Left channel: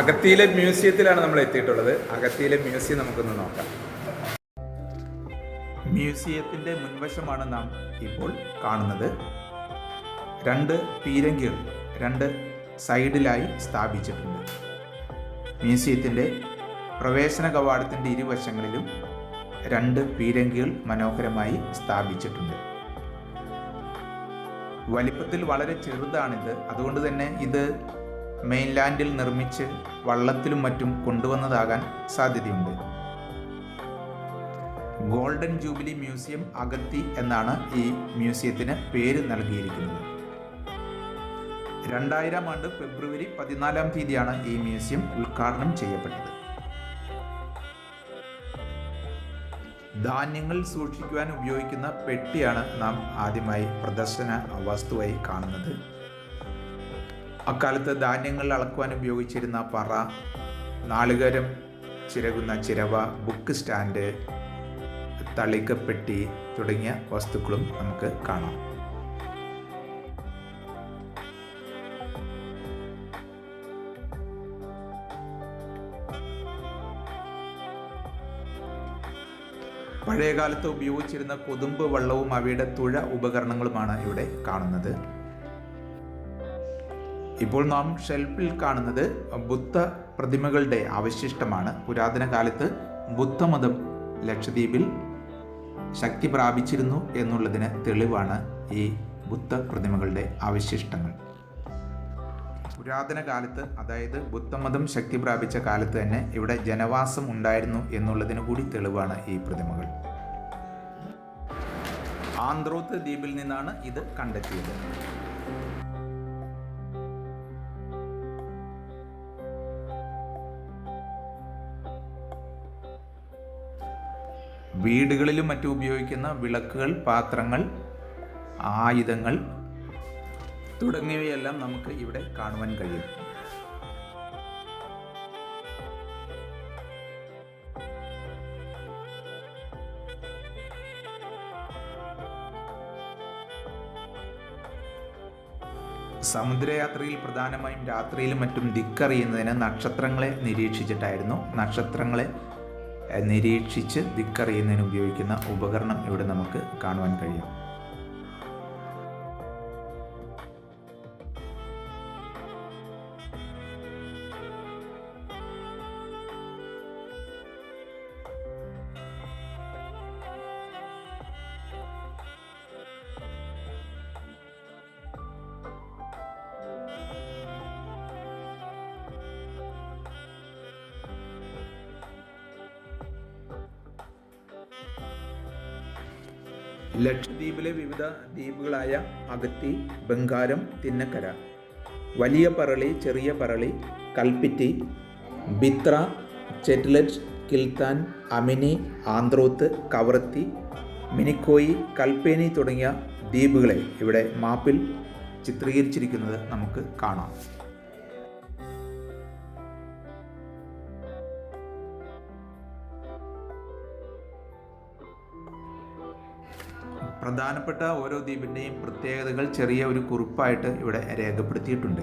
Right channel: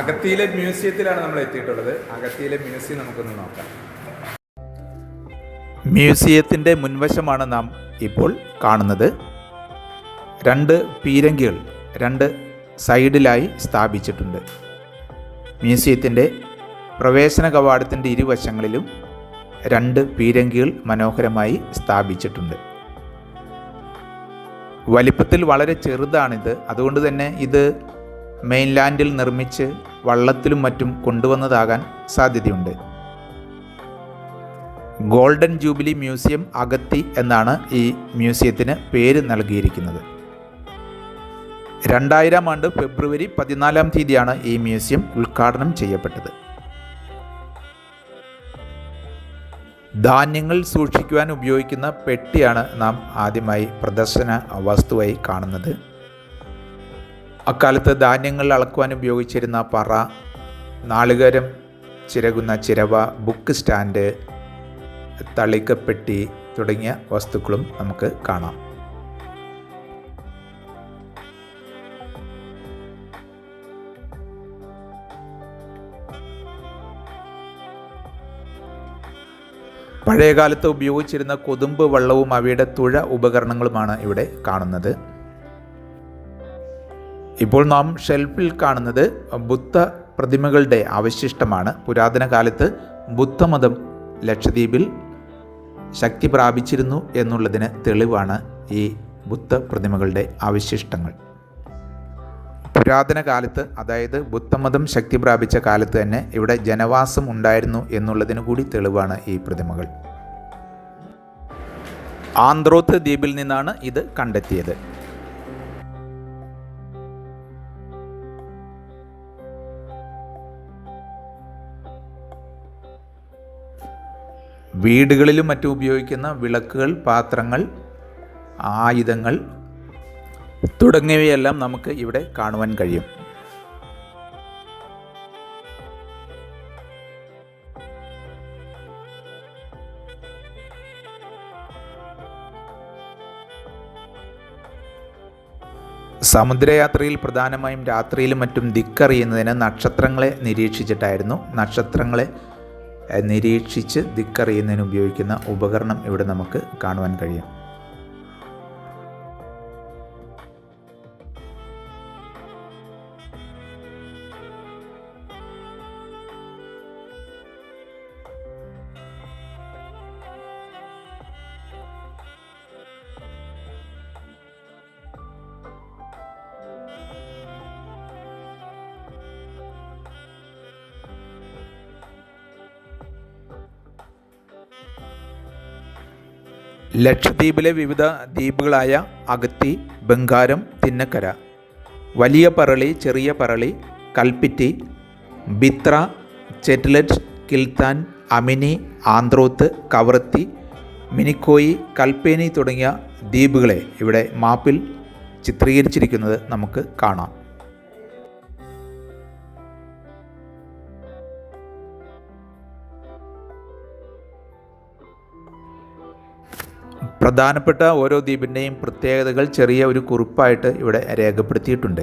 അഗത്തിയിലെ മ്യൂസിയത്തിലാണ് നമ്മൾ എത്തിയിട്ടുള്ളത്. അഗത്തിയിലെ മ്യൂസിയം നമുക്കൊന്ന് നോക്കാം. മ്യൂസിയത്തിൻ്റെ മുൻവശമാണ് നാം ഇപ്പോൾ കാണുന്നത്. 2 പീരങ്കികൾ 2 സൈഡിലായി സ്ഥാപിച്ചിട്ടുണ്ട്. മ്യൂസിയത്തിൻ്റെ പ്രവേശന കവാടത്തിൻ്റെ ഇരുവശങ്ങളിലും 2 പീരങ്കികൾ മനോഹരമായി സ്ഥാപിച്ചിട്ടുണ്ട്. വലിപ്പത്തിൽ വളരെ ചെറുതാണിത്. അതുകൊണ്ട് തന്നെ ഇത് മെയിൻലാൻഡിൽ നിർമ്മിച്ച് വള്ളത്തിലും മറ്റും കൊണ്ടുവന്നതാകാൻ സാധ്യതയുണ്ട്. ഗോൾഡൻ ജൂബിലി മ്യൂസിയം അഗത്തി എന്നാണ് ഈ മ്യൂസിയത്തിന് പേര് നൽകിയിരിക്കുന്നത്. 2000 ആണ്ട് ഫെബ്രുവരി 14-ാം തീയതിയാണ് ഈ മ്യൂസിയം ഉദ്ഘാടനം ചെയ്യപ്പെട്ടത്. ധാന്യങ്ങൾ സൂക്ഷിക്കുവാൻ ഉപയോഗിക്കുന്ന പെട്ടിയാണ് നാം ആദ്യമായി പ്രദർശന വസ്തുവായി കാണുന്നത്. അക്കാലത്ത് ധാന്യങ്ങൾ അളക്കുവാൻ ഉപയോഗിച്ചിരുന്ന പറ, നാളികേരം ചിരകുന്ന ചിരവ, ബുക്ക് സ്റ്റാൻഡ്, തളികപ്പെട്ടി തുടങ്ങിയ വസ്തുക്കളും നമുക്ക് കാണാം. പഴയകാലത്ത് ഉപയോഗിച്ചിരുന്ന കൊതുമ്പ് വള്ളവും അവയുടെ തുഴ ഉപകരണങ്ങളുമാണ് ഇവിടെ കാണുന്നത്. ഇപ്പോൾ നാം ഷെൽഫിൽ കാണുന്നത് ബുദ്ധ പ്രതിമകളുടെ അവശിഷ്ടമാണ്. പുരാതന കാലത്ത് ബുദ്ധമതം ലക്ഷദ്വീപിൽ ശക്തി പ്രാപിച്ചിരുന്നു എന്നുള്ളതിന് തെളിവാണ് ഈ ബുദ്ധ പ്രതിമകളുടെ അവശിഷ്ടങ്ങൾ. പുരാതന കാലത്ത്, അതായത് ബുദ്ധമതം ശക്തി പ്രാപിച്ച കാലത്ത് തന്നെ ഇവിടെ ജനവാസം ഉണ്ടായിരുന്നു എന്നുള്ളതിന് കൂടി തെളിവാണ് ഈ പ്രതിമകൾ. ആന്ത്രോത്ത് ദ്വീപിൽ നിന്നാണ് ഇത് കണ്ടെത്തിയത്. വീടുകളിലും മറ്റും ഉപയോഗിക്കുന്ന വിളക്കുകൾ, പാത്രങ്ങൾ, ആയുധങ്ങൾ തുടങ്ങിയവയെല്ലാം നമുക്ക് ഇവിടെ കാണുവാൻ കഴിയും. സമുദ്രയാത്രയിൽ പ്രധാനമായും രാത്രിയിലും മറ്റും ദിക്കറിയുന്നതിന് നക്ഷത്രങ്ങളെ നിരീക്ഷിച്ചിട്ടായിരുന്നു. നക്ഷത്രങ്ങളെ നിരീക്ഷിച്ച് ദിക്കറിയുന്നതിന് ഉപയോഗിക്കുന്ന ഉപകരണം ഇവിടെ നമുക്ക് കാണുവാൻ കഴിയും. ലക്ഷദ്വീപിലെ വിവിധ ദ്വീപുകളായ അഗത്തി, ബംഗാരം, തിന്നക്കര, വലിയ പറളി, ചെറിയ പറളി, കൽപ്പിറ്റി, ബിത്ര, ചെറ്റ്ലറ്റ്, കിൽത്താൻ, അമിനി, ആന്ത്രോത്ത്, കവറത്തി, മിനിക്കോയി, കൽപ്പേനി തുടങ്ങിയ ദ്വീപുകളെ ഇവിടെ മാപ്പിൽ ചിത്രീകരിച്ചിരിക്കുന്നത് നമുക്ക് കാണാം. പ്രധാനപ്പെട്ട ഓരോ ദ്വീപിൻ്റെയും പ്രത്യേകതകൾ ചെറിയ ഒരു കുറിപ്പായിട്ട് ഇവിടെ രേഖപ്പെടുത്തിയിട്ടുണ്ട്.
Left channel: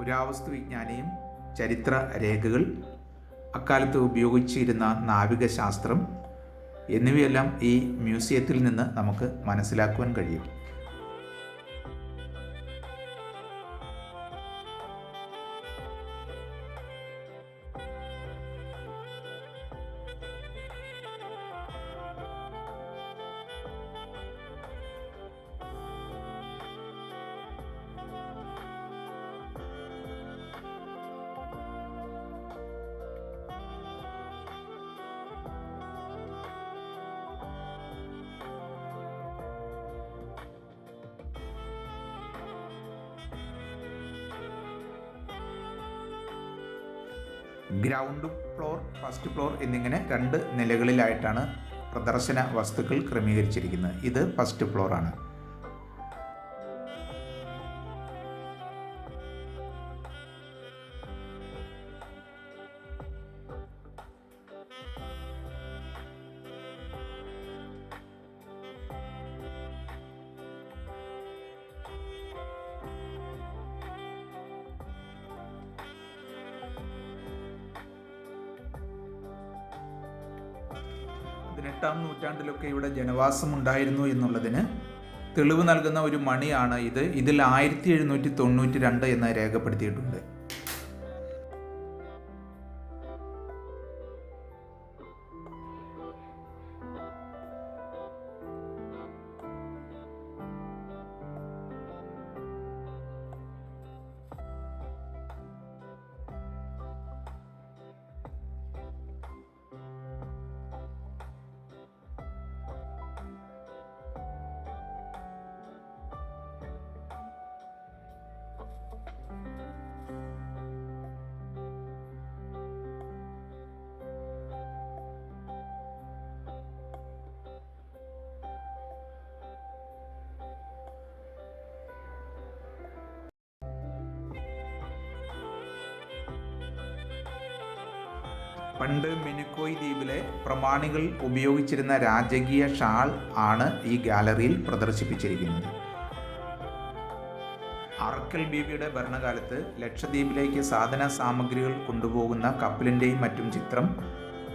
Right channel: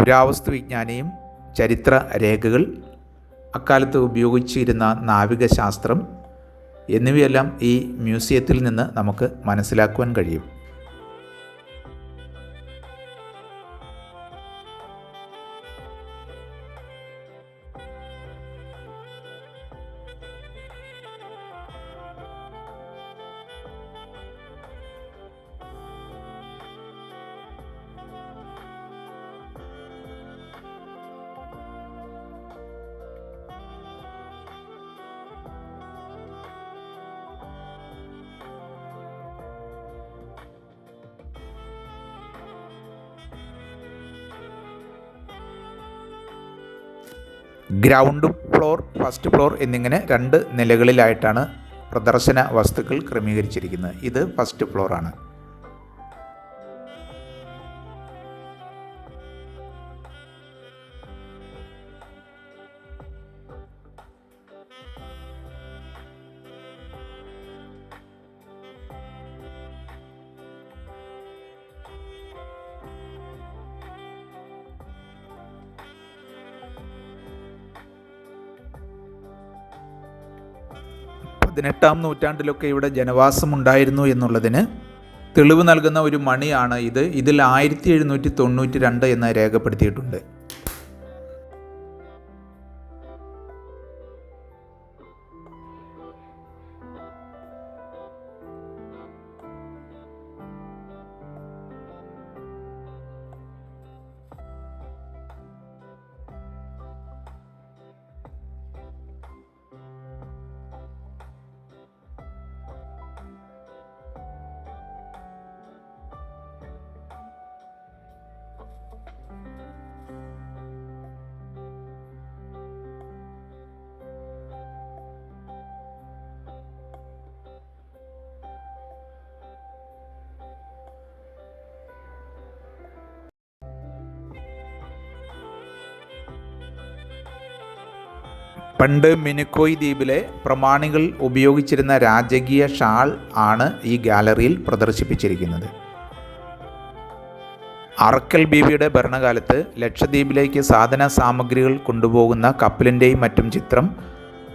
പുരാവസ്തു വിജ്ഞാനിയും ചരിത്ര രേഖകൾ, അക്കാലത്ത് ഉപയോഗിച്ചിരുന്ന നാവികശാസ്ത്രം എന്നിവയെല്ലാം ഈ മ്യൂസിയത്തിൽ നിന്ന് നമുക്ക് മനസ്സിലാക്കുവാൻ കഴിയും. ഗ്രൗണ്ട് ഫ്ലോർ, ഫസ്റ്റ് ഫ്ലോർ എന്നിങ്ങനെ 2 നിലകളിലായിട്ടാണ് പ്രദർശന വസ്തുക്കൾ ക്രമീകരിച്ചിരിക്കുന്നത്. ഇത് ഫസ്റ്റ് ഫ്ലോറാണ്. പതിനെട്ടാം നൂറ്റാണ്ടിലൊക്കെ ഇവിടെ ജനവാസമുണ്ടായിരുന്നു എന്നുള്ളതിന് തെളിവ് നൽകുന്ന ഒരു മണിയാണ് ഇത്. ഇതിൽ 1792 എന്ന് രേഖപ്പെടുത്തിയിട്ടുണ്ട്. പണ്ട് മിനിക്കോയ് ദ്വീപിലെ പ്രമാണികൾ ഉപയോഗിച്ചിരുന്ന രാജകീയ ഷാൾ ആണ് ഈ ഗാലറിയിൽ പ്രദർശിപ്പിച്ചിരിക്കുന്നത്. അറക്കൽ ബീവിയുടെ ഭരണകാലത്ത് ലക്ഷദ്വീപിലേക്ക് സാധന സാമഗ്രികൾ കൊണ്ടുപോകുന്ന കപ്പലിൻ്റെയും മറ്റും ചിത്രം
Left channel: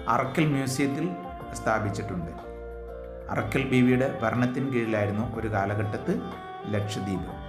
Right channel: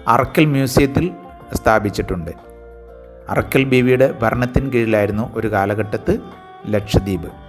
അറക്കൽ മ്യൂസിയത്തിൽ സ്ഥാപിച്ചിട്ടുണ്ട്. അറക്കൽ ബീവിയുടെ ഭരണത്തിന് കീഴിലായിരുന്നു ഒരു കാലഘട്ടത്ത് ലക്ഷദ്വീപ്.